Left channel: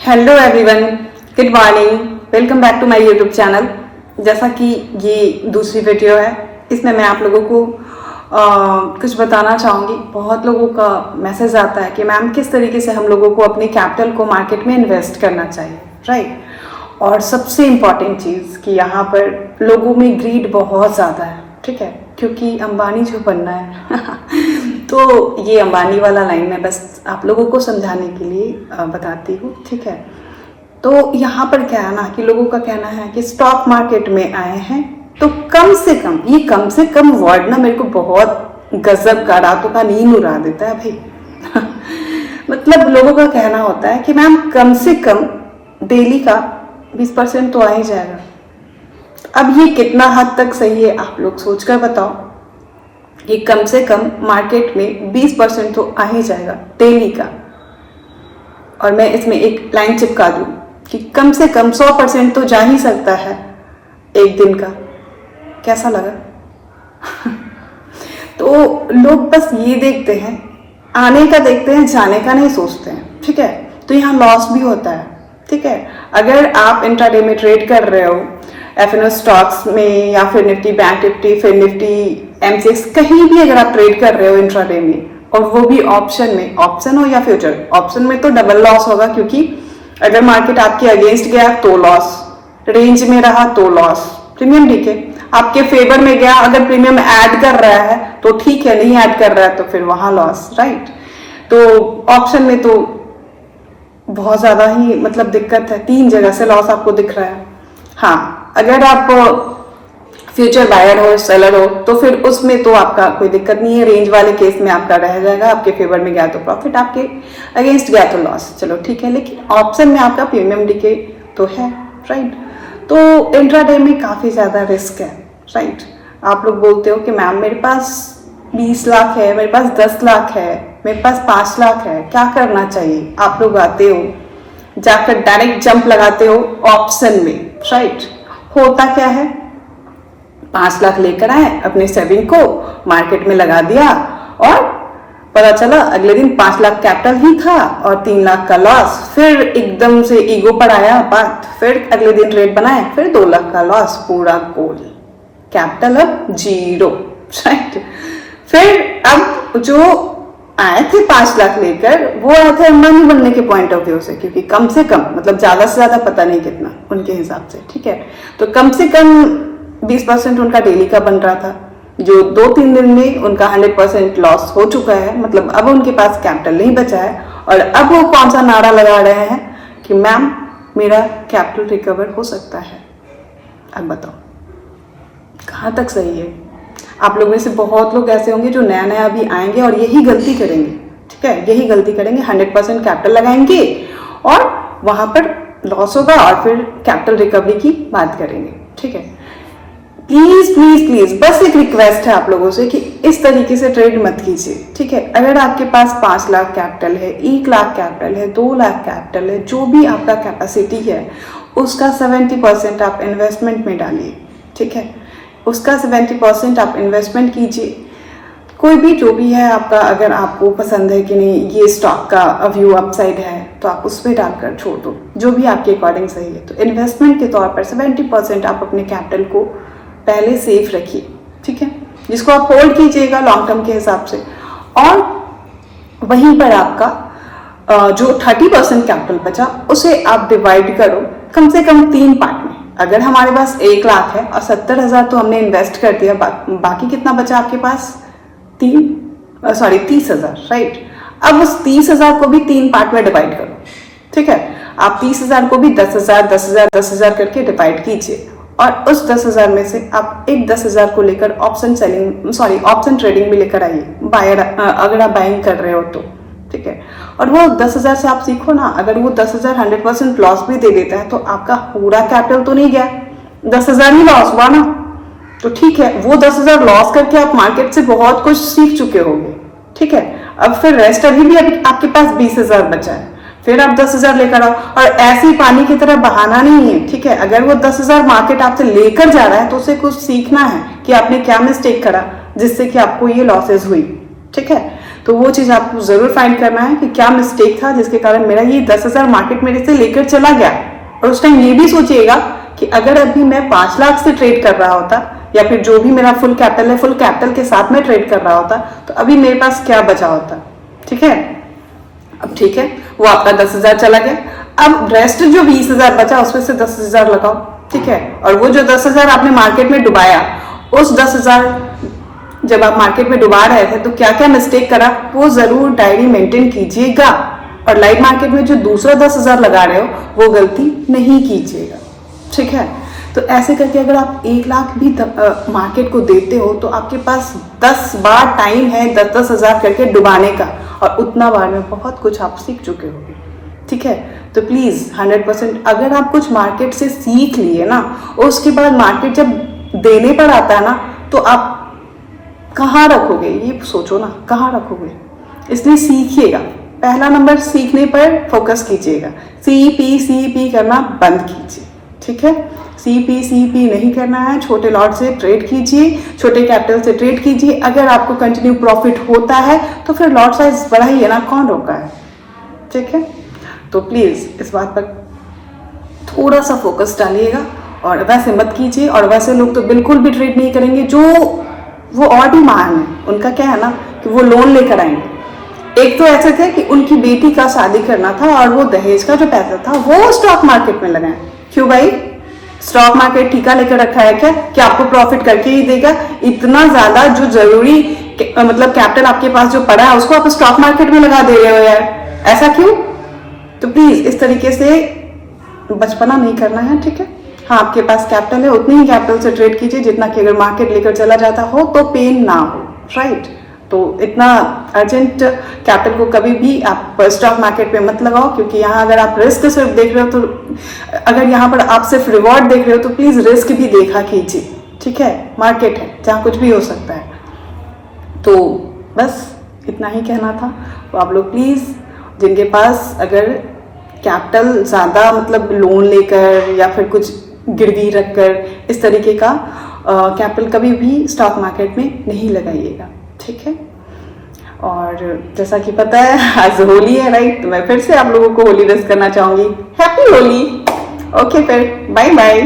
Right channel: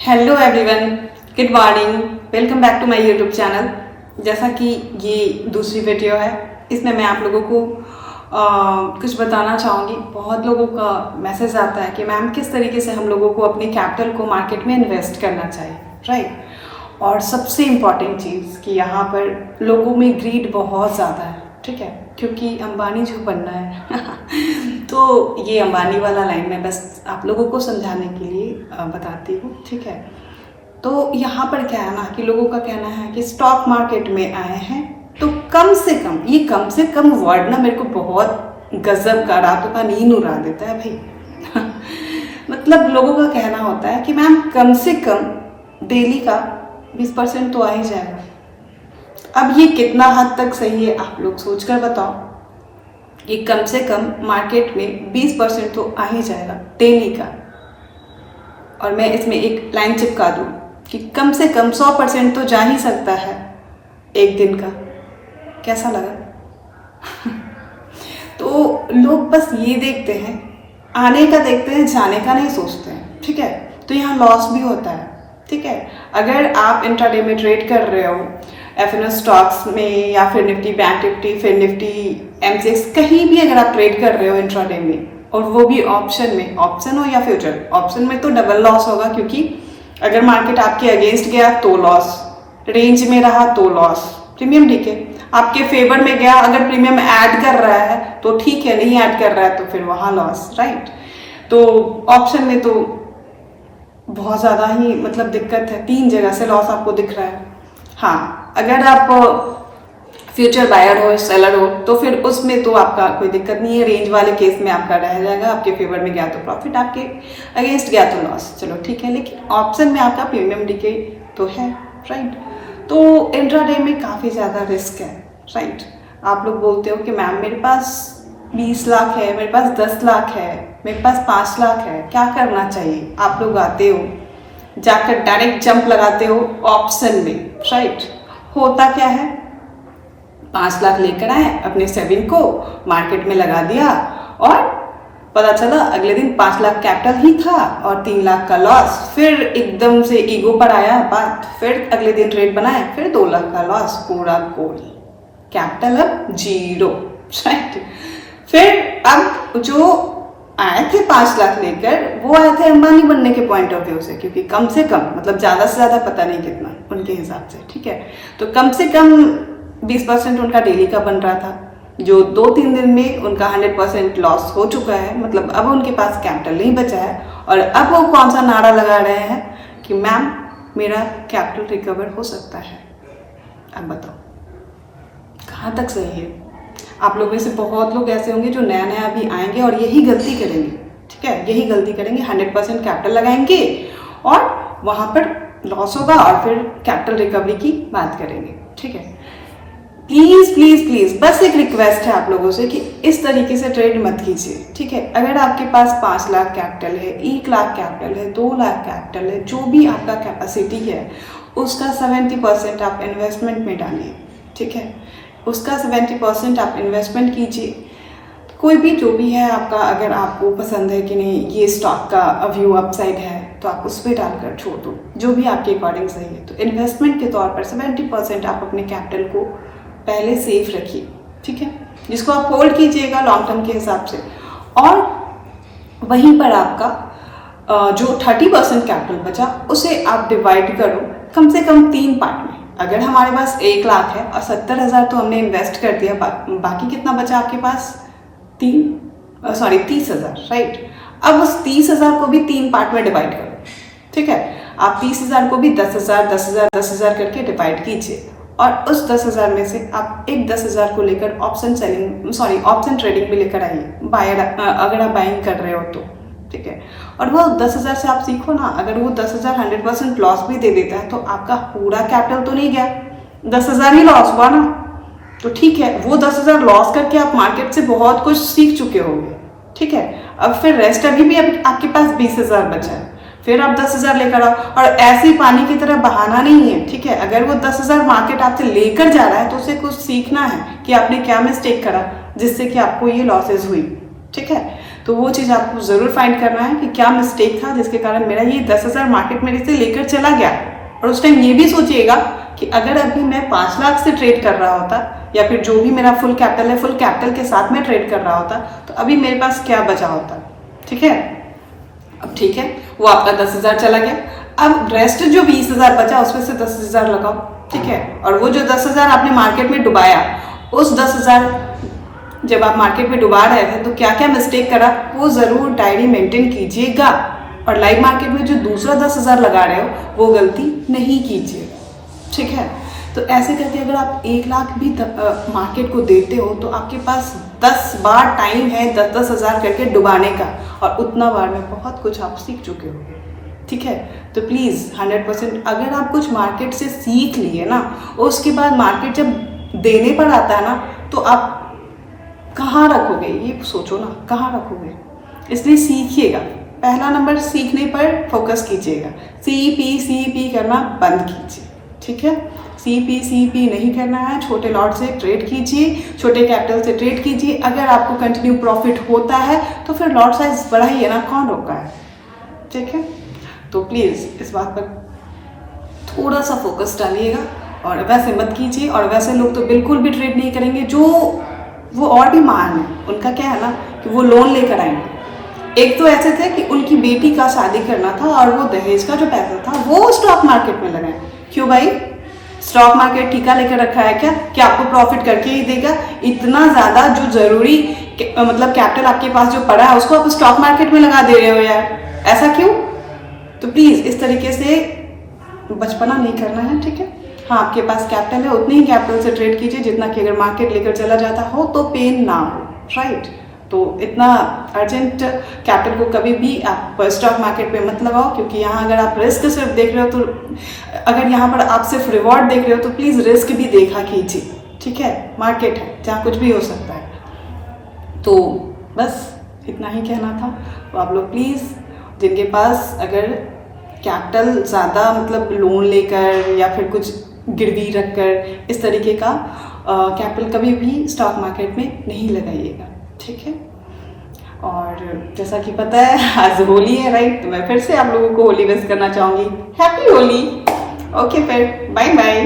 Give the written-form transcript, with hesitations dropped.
Hello everyone, good morning. Welcome back to my YouTube channel. जैसा कि ये दूसरी वीडियो है, इसमें मैं आप लोगों को कुछ बताना चाहूँगी। बहुत लोगों का मैसेज आता है कि मैम किस तरीके से हम लोगों को अपनी कैपिटल को मार्केट में इन्वेस्ट करना चाहिए, राइट। और सबसे इम्पॉर्टेंट चीज़ कि यहाँ पर लोगों में ग्रीड बहुत ज़्यादा है, ठीक है, क्योंकि अंबानी जो बनना है तो ये अंबानी वाला लाइन मैं बस आप लोगों को समझाने के लिए बताती हूँ, ठीक है। तो यहाँ पर क्या है ना कि लोगों का कहना है कि स्टॉक मार्केट में आए हैं तो कम से कम, ये कम से कम वर्ड ना मेरे को बहुत गजब का, रातों का नींद उड़ा देता है भाई मतलब लोगों का कहना होता है कि मैम कम से कम डेली का 20% तो आ ही जाएगा। अब ये कितना हद तक सही है आप लोग सोच कर बताओ। ये कम से कम मार्केट में 20% तो आ ही जाएगा डेली का, और मैं इसमें एक लाइन चिपका दूं कि कम से कम 100% तो जा ही सकता है एक दिन का। कैसा लगा तो लोग बस ये देखते हैं, आने का देखते हैं, जाने का नहीं सोचते हैं, ठीक है। तो यहाँ लॉस भी होता है, ठीक है। अगर आप इंट्राडे में ट्रेड कर रहे हो एफएनओ स्टॉक्स में या फिर निफ्टी बैंक निफ्टी फिर निफ्टी M6 कहीं भी अगर आप ट्रेड कर रहे हो इंट्राडे में, और वो भी ऑप्शन में, ऑप्शन हो या फ्यूचर, ऑप्शन में तो डबल लॉस होगा, क्योंकि अगर मार्केट आपके अगेंस्ट गया तो लॉस, रेंज में रहा तो लॉस, प्रीमियम ठीक है, आपके फेवर में गया अगर प्रीमियम ऐड कर रहा है तो ठीक है, नहीं ऐड कर रहा है तो फिर वहां लॉस, राइट। तो ऑप्शन में तो बहुत ज्यादा ही मतलब दिक्कत है, 3 जगह से लॉस आपको दिख रहा है। हाँ, अगर आप फ्यूचर बायर हो, सेलर हो, तो फिर उसमें तो आपका कोई दिक्कत नहीं है, रेंज वाले केस में आपका रह जाएगा, आपके फेवर में गया तो प्रॉफिट, आपके अगेंस्ट गया तो लॉस, चलो ठीक है। लेकिन ऑप्शन में आपका प्रीमियम डिके तो है, राइट। तो इंट्राडे में काफ़ी ज़्यादा रिस्क है, राइट। आप लोग बोलते हो कि मैम मेरे पास 20 लाख है, मेरे पास 10 लाख है, मेरे पास 5 लाख है, क्या करना चाहिए। आप लोग आते हो जाकर डायरेक्ट जंप लगाते हो ऑप्शन में, राइट। होता क्या है, 5 लाख लेकर आए, अपने सेविंग को मार्केट में लगा दिया, और पता चला अगले दिन 5 लाख कैपिटल ही था और 3 लाख का लॉस। फिर एकदम से ईगो पर आया बात, फिर अगले दिन ट्रेड बनाए, फिर 2 लाख का लॉस, पूरा गोल, कैपिटल अब 0, राइट। फिर अब जो आए थे 5 लाख लेकर, वो आए थे अंबानी बनने के पॉइंट ऑफ व्यू से, क्योंकि कम से कम मतलब ज्यादा से ज्यादा पता नहीं कितना उनके हिसाब से, ठीक है। तो कम से कम 20% उनका डेली का बन रहा था, जो 2-3 दिन में उनका 100% लॉस हो चुका है, मतलब अब उनके पास कैपिटल नहीं बचा है। और अब वो कौन सा नारा लगा रहे हैं कि मैम मेरा कैपिटल रिकवर हो सकता है। अब बताओ कहाँ तक सही है। आप लोगों में से बहुत लोग ऐसे होंगे जो नया नया अभी आएंगे और यही गलती करेंगे, ठीक है, यही गलती करेंगे, 100% कैपिटल लगाएंगे और वहां पर लॉस होगा और फिर कैपिटल रिकवरी की बात करेंगे, ठीक है। प्लीज प्लीज प्लीज बस एक रिक्वेस्ट है आप लोगों से कि इस तरीके से ट्रेड मत कीजिए, ठीक है। अगर आपके पास 5 लाख कैपिटल है, 1 लाख कैपिटल है, 2 लाख कैपिटल है, जो भी आपका कैपेसिटी है, उसका 70% आप इन्वेस्टमेंट में डालिए, ठीक है। उसका 70% आप इन्वेस्टमेंट कीजिए। कोई भी जो भी है आपका, अगर आपको पसंद है कि नहीं ये स्टॉक का व्यू अपसाइड है तो आप उस पर डालकर छोड़ दो, जो भी आपके अकॉर्डिंग सही है। तो इन्वेस्टमेंट के तौर पर 70% आप अपने कैपिटल को पहले सेफ रखिए, ठीक है, जिसको आप होल्ड कीजिएगा लॉन्ग टर्म के हिसाब से। और वहीं पर आपका जो 30% कैपिटल बचा उसे आप डिवाइड करो कम से कम 3 पार्ट में। अगर हमारे पास 1 लाख है और 70,000 तो हमने इन्वेस्ट कर दिया, बाकी कितना बचा आपके पास 30,000, राइट। अब उस 30,000 को भी 3 पार्ट में डिवाइड करो, ठीक है। आप 30,000 को भी 10,000 10,000 10,000 करके डिवाइड कीजिए, और उस 10,000 में से आप एक 10,000 को लेकर ऑप्शन ट्रेडिंग भी लेकर आइए, बायर अगर आप बाइंग कर रहे हो तो, ठीक है। और वो 10,000 से आप सीखो ना, अगर वो 10,000 100% लॉस भी दे देता है तो आपका पूरा कैपिटल तो नहीं गया, 10,000 ही लॉस हुआ ना, तो ठीक है। वो 10,000 लॉस करके आप मार्केट से बहुत कुछ सीख चुके होंगे, ठीक है। अब फिर रेस्ट अभी भी आपके पास 20,000 बचा है, फिर आप 10,000 लेकर आओ, और ऐसे ही पानी की तरह बहाना नहीं है, ठीक है। अगर वो 10,000 मार्केट आपसे लेकर जा रहा है तो उसे कुछ सीखना है कि आपने क्या मिस्टेक करा जिससे कि आपको ये लॉसेस हुई, ठीक है। तो वो चीज़ आपको ज़रूर फाइंड करना है कि क्या मिस्टेक था जिसके कारण मेरा ये 10,000 मार्केट मेरे से लेकर चला गया। और उस टाइम ये भी सोचिएगा कि अगर अभी मैं 5 लाख से ट्रेड कर रहा होता या फिर जो भी मेरा फुल कैपिटल है, फुल कैपिटल के साथ में ट्रेड कर रहा होता, तो अभी मेरे पास क्या बचा होता। ठीक है, अब ठीक है, वो आपका 10,000 चला गया। अब रेस्ट जो 20,000 बचा उसमें से 10,000 लगाओ। ठीक है, और वो जो 10,000 आपने मार्केट में डुबाया, उस 10,000 जब आप मार्केट में डुबा रहे थे तो क्या क्या मिस्टेक करा वो जरूर डायरी मेंटेन कीजिएगा। और लाइव मार्केट में जो दूसरा 10,000 लगा रहे हो वो गलती नहीं कीजिएगा। ठीक है, तो ऐसे करके अगर आप 1 लाख भी मार्केट को देते हो तो आपके पास 10 बार टाइम है 10,000 करके डुबाने का, और उतना बार में बहुत कुछ आप सीख चुके होंगे। ठीक है, तो प्लीज़ 100% अगर आप कुछ मार्केट से सीख लिए ना, उसके बाद मार्केट जब देने पर आता है ना, तो आप कहाँ रखोगे, ये सोचो ना, कहाँ रखोगे। इसलिए सीखिएगा। पहला नंबर सीखने पर फोकस कीजिएगा। CP करना बंद कीजिए। ठीक है, CP नहीं करना है। छोटे लॉट से ट्रेड कीजिए, छोटे कैपिटल से ट्रेड कीजिए। अगर आपको कंटिन्यू प्रॉफिट होता है तो फिर लॉट साइज बढ़ाइए ना, कौन रोका है। ठीक है, तो प्लीज़ इस बात पर थोड़ा सा फोकस डालिएगा और वैसे मत कीजिए। और वैसे लोग तो बिल्कुल भी ट्रेड नहीं करेंगे जो वो और भी महान है। उनका क्या है ना कि वो लोन लेकर आएंगे। एक तो ऐसे थे कि उनकी बेटी का शादी करना था और वो दहेज का जो पैसा था वो स्टॉक मार्केट में लगाए। क्यों भाई, स्टॉक मार्केट ठीका लेकर रखा है क्या आपको प्रॉफिट करके ही देगा? इतना ज्यादा जो जरूरी मतलब कैपिटल आपके पास जो पड़ा है उसको आप स्टॉक मार्केट में लगा दे रहे हो यार, ऐसा क्यों? तो प्लीज इस तरीके से बचपना नहीं करना है। ठीक है, हाँ, आपके पास कैपिटल है उतनी ही कैपिटल से ट्रेड कीजिए जितना कि अगर मार्केट लेकर चला जाता हो तो पेन ना हो। राइट, तो इतना अर्जेंट कैपिटल को कभी भी आप स्टॉक मार्केट पे मत लगाओ, क्योंकि यहाँ अगर आप रिस्क सिर्फ देख रहे हो तो, अगर यहाँ पर आप सिर्फ रिवॉर्ड देख रहे हो तो प्लीज़ रिस्क भी देखा कीजिए। ठीक है, मार्केट है जहाँ कुछ भी हो सकता है। तो बस इतना ही कहना था। तो आप लोग प्लीज़ जिनके पास अगर कैपिटल ज़्यादा मतलब लोन लेकर या फिर कुछ गिरवी रखकर इस तरीके का कैपिटल कभी भी स्टॉक मार्केट में नहीं लगाइएगा। ठीक है, और जैसा कि पता है आज होली है, राइट, तो मैं फिर से आप लोगों को होली विश करना चाहूँगी। हैप्पी होली। ओके, फिर बाय बाय।